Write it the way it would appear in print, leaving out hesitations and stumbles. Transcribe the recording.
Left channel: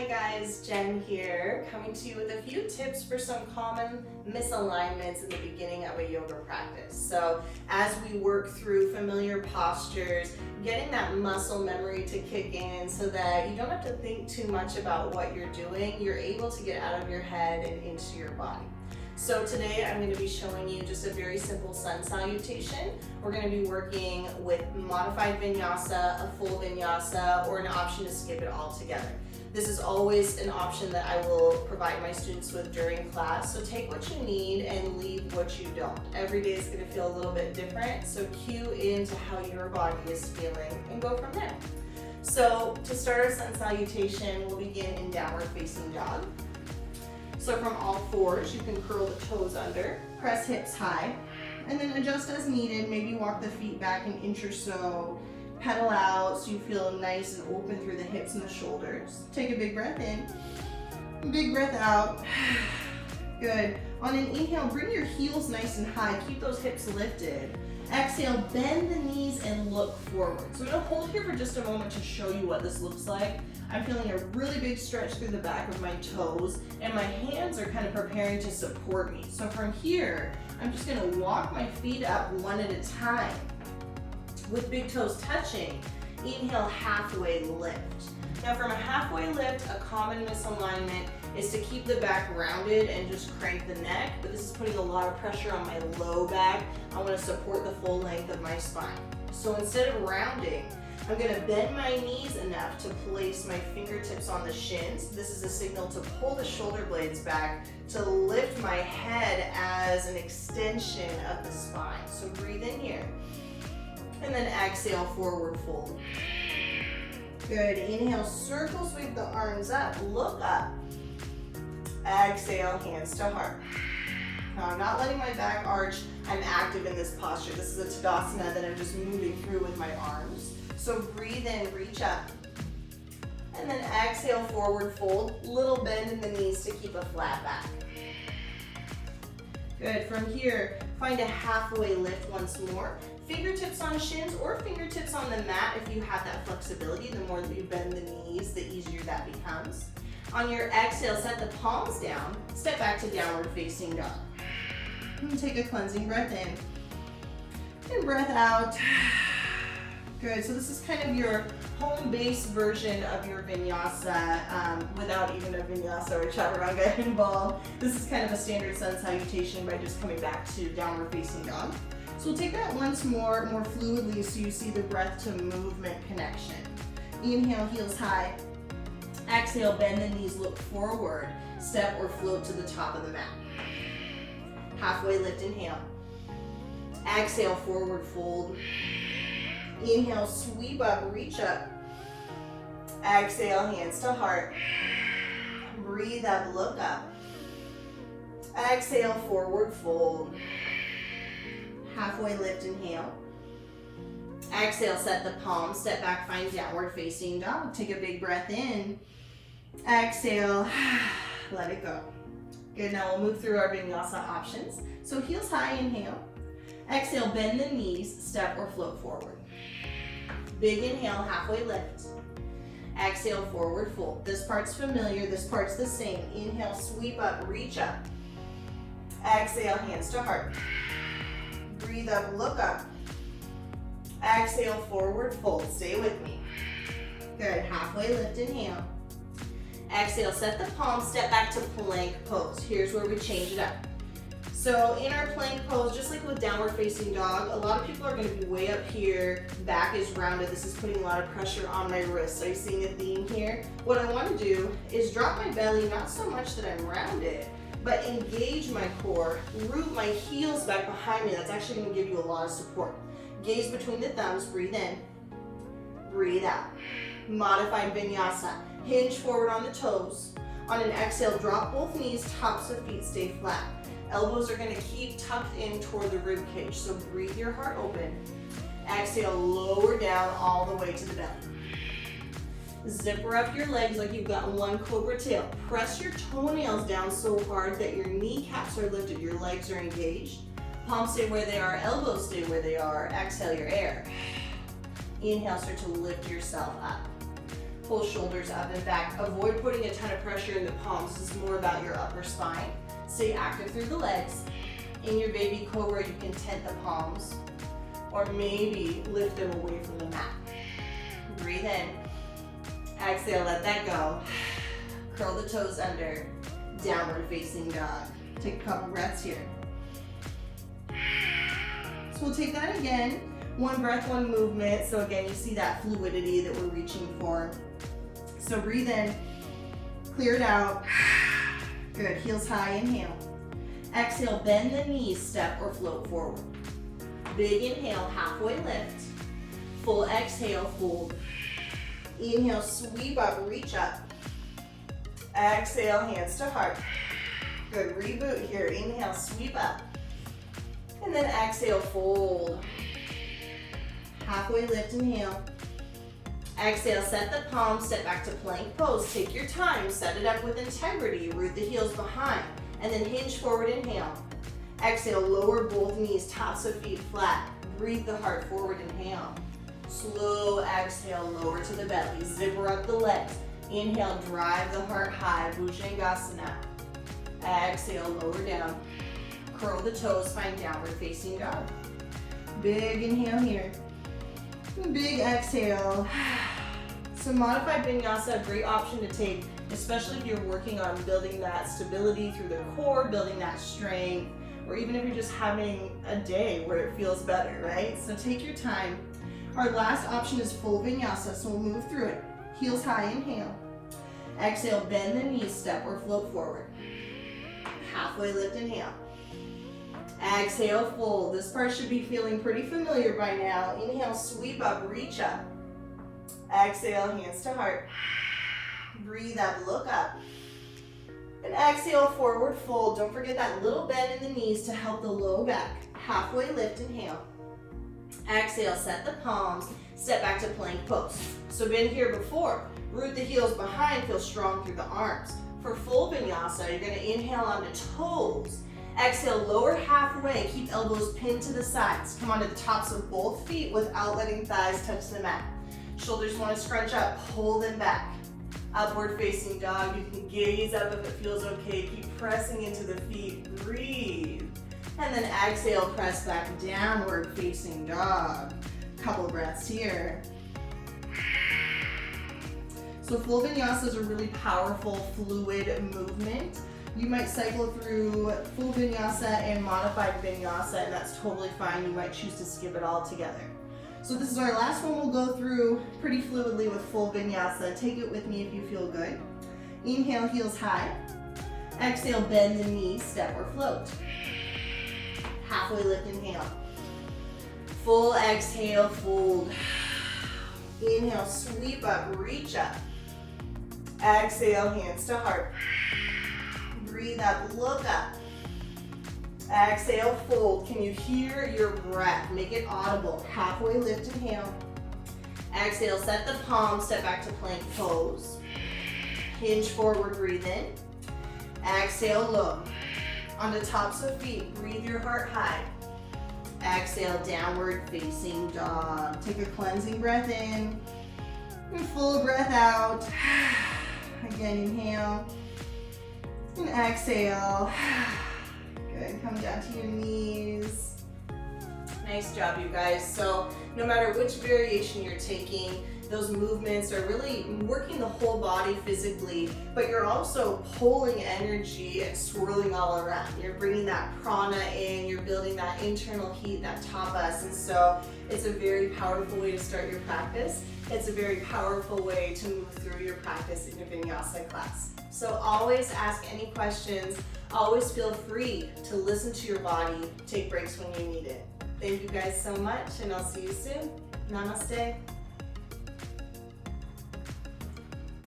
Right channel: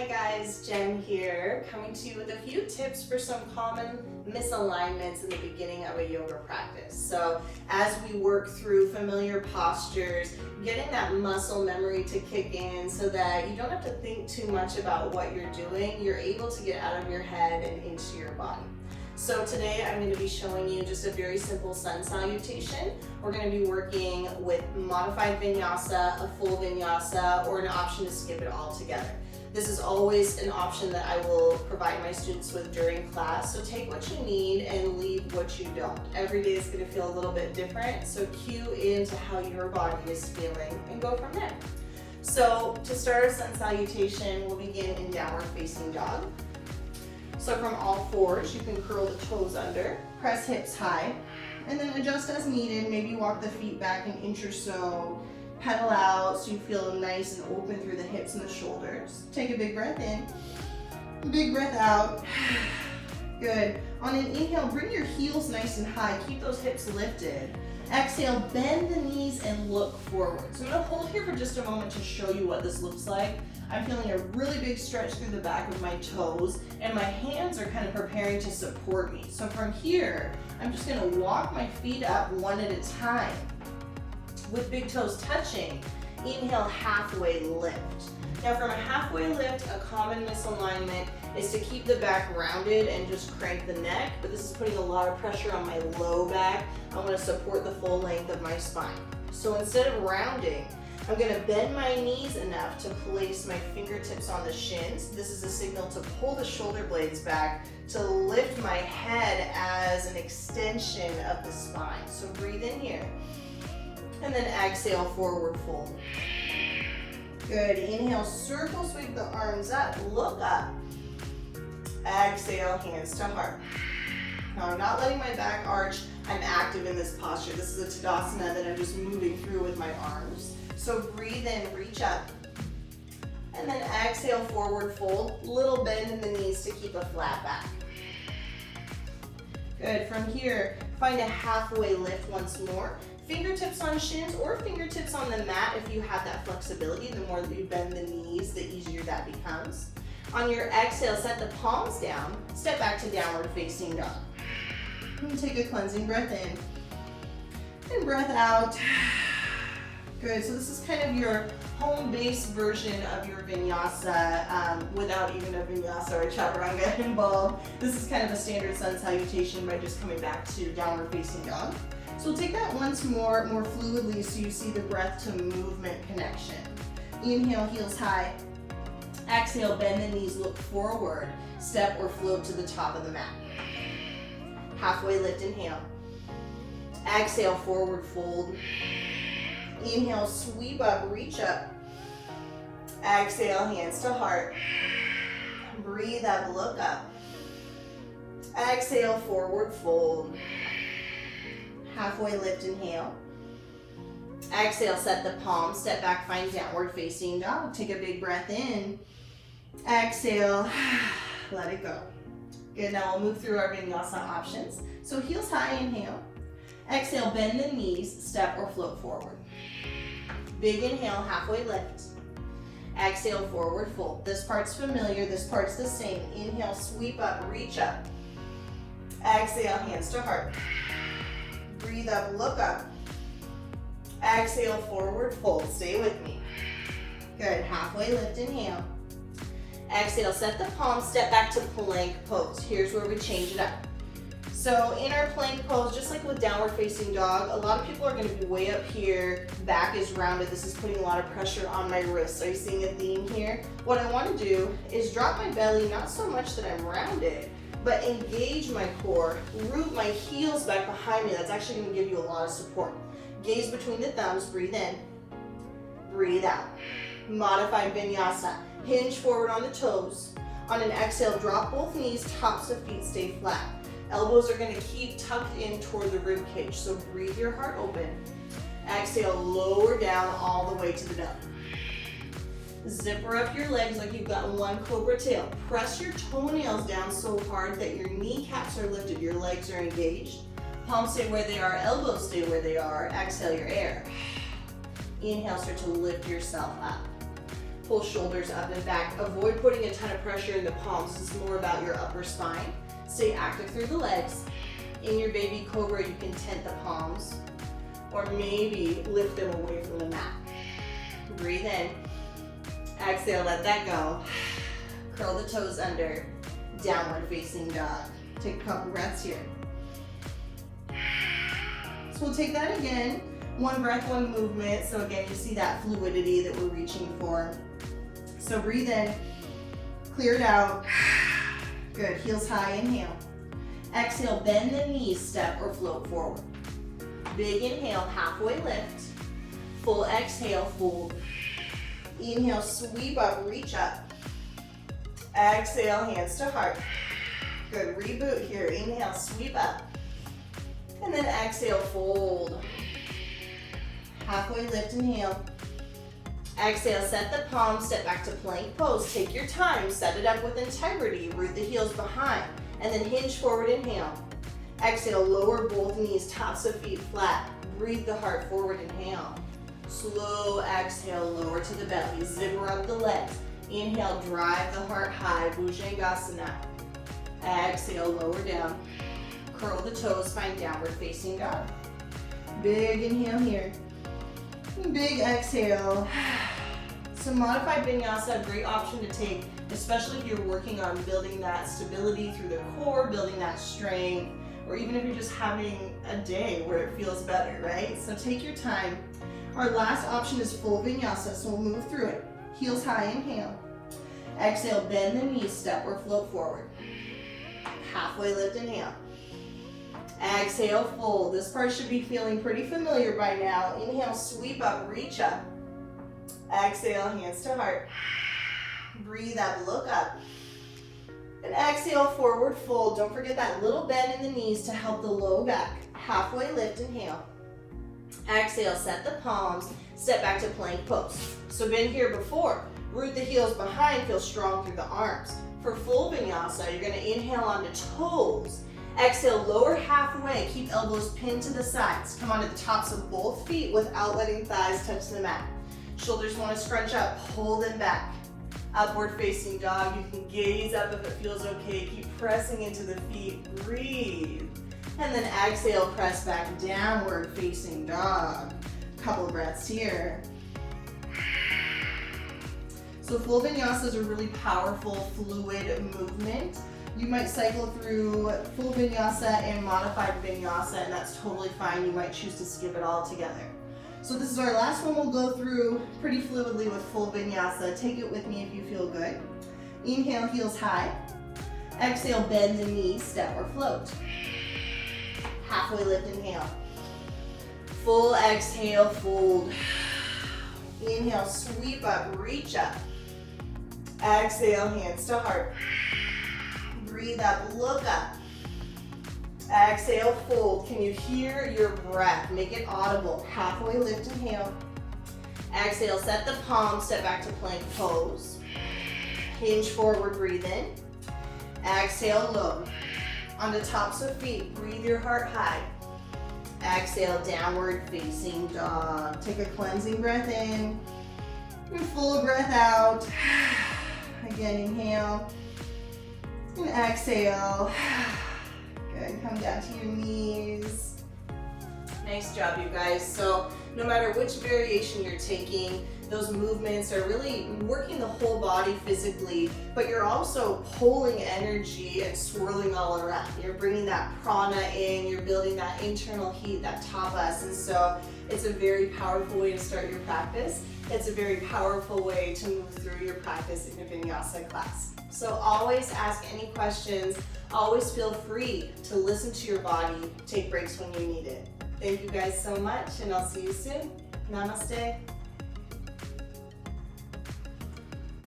Hi guys, Jen here, coming to you with a few tips for some common misalignments in the beginning of a yoga practice. So as we work through familiar postures, getting that muscle memory to kick in so that you don't have to think too much about what you're doing, you're able to get out of your head and into your body. So today I'm going to be showing you just a very simple sun salutation. We're going to be working with modified vinyasa, a full vinyasa, or an option to skip it all together. This is always an option that I will provide my students with during class, so take what you need and leave what you don't. Every day is going to feel a little bit different, so cue into how your body is feeling and go from there. So to start our sun salutation, we'll begin in downward facing dog. So from all fours, you can curl the toes under, press hips high, and then adjust as needed. Maybe walk the feet back an inch or so, pedal out so you feel nice and open through the hips and the shoulders. Take a big breath in, big breath out. Good. On an inhale, bring your heels nice and high. Keep those hips lifted. Exhale, bend the knees and look forward. So I'm going to hold here for just a moment to show you what this looks like. I'm feeling a really big stretch through the back of my toes, and my hands are kind of preparing to support me. So from here, I'm just going to walk my feet up one at a time. With big toes touching, inhale, halfway lift. Now from a halfway lift, a common misalignment is to keep the back rounded and just crank the neck, but this is putting a lot of pressure on my low back. I want to support the full length of my spine. So instead of rounding, I'm going to bend my knees enough to place my fingertips on the shins. This is a signal to pull the shoulder blades back, to lift my head as an extension of the spine. So breathe in here. And then exhale, forward fold. Good. Inhale, circle, sweep the arms up, look up. Exhale, hands to heart. Now I'm not letting my back arch. I'm active in this posture. This is a Tadasana that I'm just moving through with my arms. So breathe in, reach up. And then exhale, forward fold. Little bend in the knees to keep a flat back. Good. From here, find a halfway lift once more. Fingertips on shins or fingertips on the mat if you have that flexibility. The more that you bend the knees, the easier that becomes. On your exhale, set the palms down. Step back to downward facing dog. And take a cleansing breath in and breath out. Good, so this is kind of your home base version of your vinyasa without even a vinyasa or a chaturanga involved. This is kind of a standard sun salutation by just coming back to downward facing dog. So we'll take that once more fluidly so you see the breath to movement connection. Inhale, heels high. Exhale, bend the knees, look forward. Step or float to the top of the mat. Halfway lift, inhale. Exhale, forward fold. Inhale, sweep up, reach up. Exhale, hands to heart. Breathe up, look up. Exhale, forward fold. Halfway lift, inhale. Exhale, set the palms, step back, find downward facing dog. Take a big breath in. Exhale, let it go. Good, now we'll move through our vinyasa options. So heels high, inhale. Exhale, bend the knees, step or float forward. Big inhale, halfway lift. Exhale, forward fold. This part's familiar, this part's the same. Inhale, sweep up, reach up. Exhale, hands to heart. Breathe up, look up. Exhale, forward fold. Stay with me. Good. Halfway lift, inhale. Exhale, set the palms, step back to plank pose. Here's where we change it up. So in our plank pose, just like with downward facing dog, a lot of people are going to be way up here. Back is rounded. This is putting a lot of pressure on my wrists. Are you seeing a theme here? What I want to do is drop my belly, not so much that I'm rounded, but engage my core, root my heels back behind me. That's actually going to give you a lot of support. Gaze between the thumbs, breathe in, breathe out. Modified vinyasa. Hinge forward on the toes. On an exhale, drop both knees, tops of feet stay flat. Elbows are going to keep tucked in toward the rib cage, so breathe your heart open. Exhale, lower down all the way to the belly. Zipper up your legs like you've got one cobra tail. Press your toenails down so hard that your kneecaps are lifted, your legs are engaged. Palms stay where they are, elbows stay where they are. Exhale your air. Inhale, start to lift yourself up. pull shoulders up and back. Avoid putting a ton of pressure in the palms. This is more about your upper spine. Stay active through the legs. In your baby cobra, you can tent the palms or maybe lift them away from the mat. Breathe in. Exhale, let that go. Curl the toes under. Downward facing dog. Take a couple breaths here. So we'll take that again. One breath, one movement. So again, you see that fluidity that we're reaching for. So breathe in. Clear it out. Good. Heels high, inhale. Exhale, bend the knees, step or float forward. Big inhale, halfway lift. Full exhale, fold. Inhale, sweep up, reach up. Exhale, hands to heart. Good, reboot here. Inhale, sweep up. And then exhale, fold. Halfway lift, inhale. Exhale, set the palms, step back to plank pose. Take your time, set it up with integrity. Root the heels behind. And then hinge forward, inhale. Exhale, lower both knees, tops of feet flat. Breathe the heart forward, inhale. Slow exhale, lower to the belly. Zipper up the legs. Inhale, drive the heart high, Bhujangasana. Exhale, lower down. Curl the toes, find downward facing dog. Big inhale here. Big exhale. So modified vinyasa, a great option to take, especially if you're working on building that stability through the core, building that strength, or even if you're just having a day where it feels better, right? So take your time. Our last option is full vinyasa, so we'll move through it. Heels high, inhale. Exhale, bend the knees, step or float forward. Halfway lift, inhale. Exhale, fold. This part should be feeling pretty familiar by now. Inhale, sweep up, reach up. Exhale, hands to heart. Breathe up, look up. And exhale, forward fold. Don't forget that little bend in the knees to help the low back. Halfway lift, inhale. Exhale, set the palms, step back to plank pose. So been here before. Root the heels behind, feel strong through the arms. For full vinyasa, you're gonna inhale onto toes. Exhale, lower halfway, keep elbows pinned to the sides. Come onto the tops of both feet without letting thighs touch the mat. Shoulders wanna scrunch up, pull them back. Upward facing dog, you can gaze up if it feels okay. Keep pressing into the feet, breathe. And then exhale, press back, downward facing dog. Couple breaths here. So full vinyasa is a really powerful, fluid movement. You might cycle through full vinyasa and modified vinyasa, and that's totally fine. You might choose to skip it all together. So this is our last one we'll go through pretty fluidly with full vinyasa. Take it with me if you feel good. Inhale, heels high. Exhale, bend the knees, step or float. Halfway lift, inhale. Full exhale, fold. Inhale, sweep up, reach up. Exhale, hands to heart. Breathe up, look up. Exhale, fold. Can you hear your breath? Make it audible. Halfway lift, inhale. Exhale, set the palms, step back to plank pose. Hinge forward, breathe in. Exhale, low. On the tops of feet, breathe your heart high. Exhale, downward facing dog. Take a cleansing breath in. And full breath out. Again, inhale. And exhale. Good, come down to your knees. Nice job, you guys. So no matter which variation you're taking, those movements are really working the whole body physically, but you're also pulling energy and swirling all around. You're bringing that prana in, you're building that internal heat, that tapas, and so it's a very powerful way to start your practice. It's a very powerful way to move through your practice in a vinyasa class. So always ask any questions, always feel free to listen to your body, take breaks when you need it. Thank you guys so much, and I'll see you soon. Namaste.